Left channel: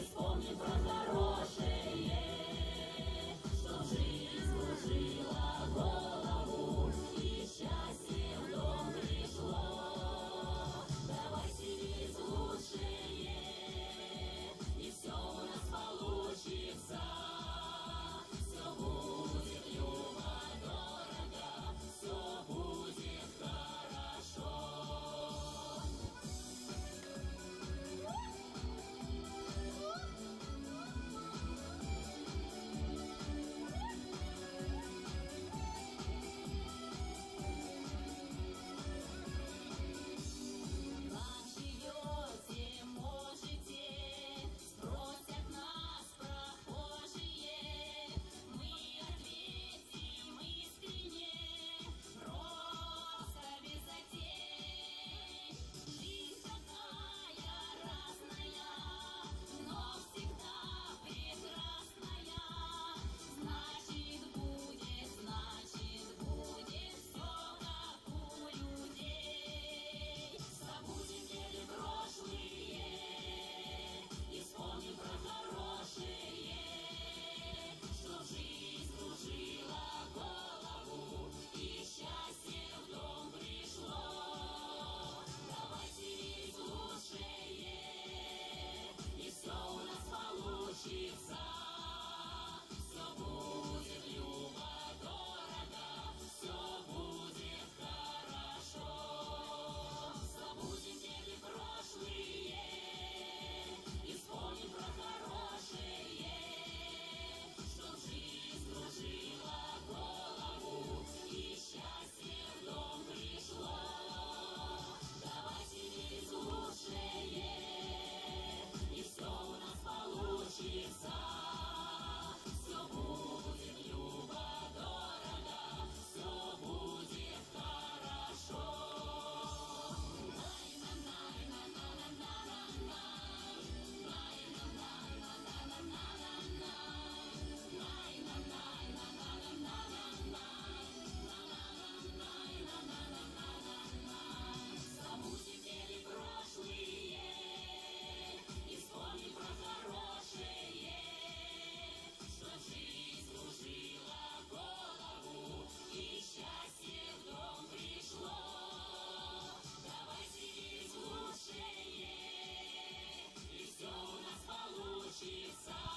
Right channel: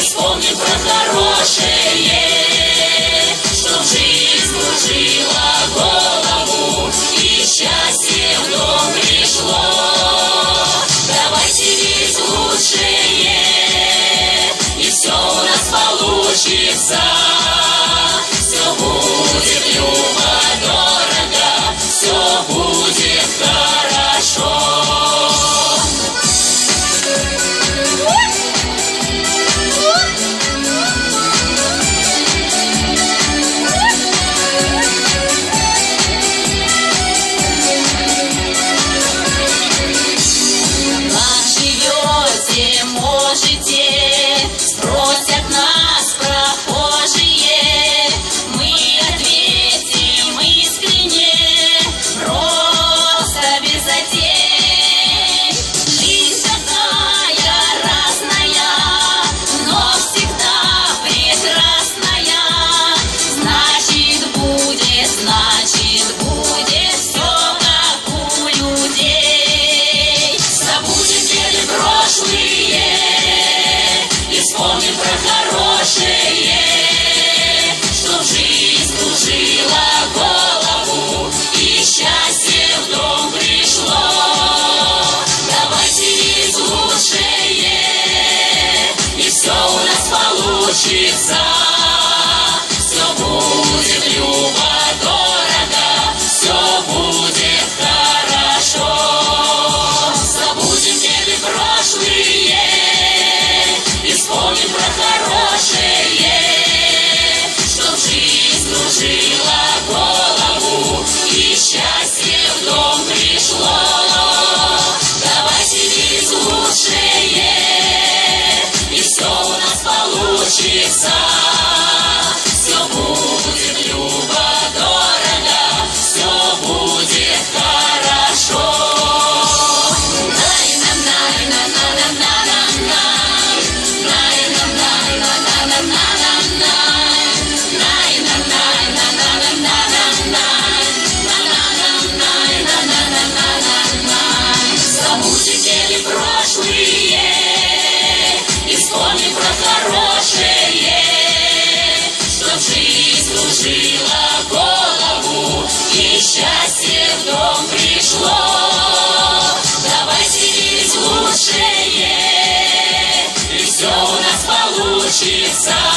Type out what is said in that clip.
вспомним про хорошее, чтоб жизнь кружила голову и счастье в дом пришло. Давайте верить в лучшее, и все у нас получится. Все будет любо-дорого, все будет хорошо. Вспомним про хорошее, чтоб жизнь кружила голову и счастье в дом пришло. Давайте верить в лучшее, и все у нас получится. Все будет любо-дорого, все будет хорошо. Забудем беды прошлые, вспомним про хорошее, чтоб жизнь кружила голову и счастье в дом пришло. Давайте верить в лучшее, и все у нас получится. Все будет любо-дорого, все будет хорошо. Вспомним про хорошее, чтоб жизнь кружила голову и счастье в дом пришло. Давайте верить в лучшее, и все у нас получится.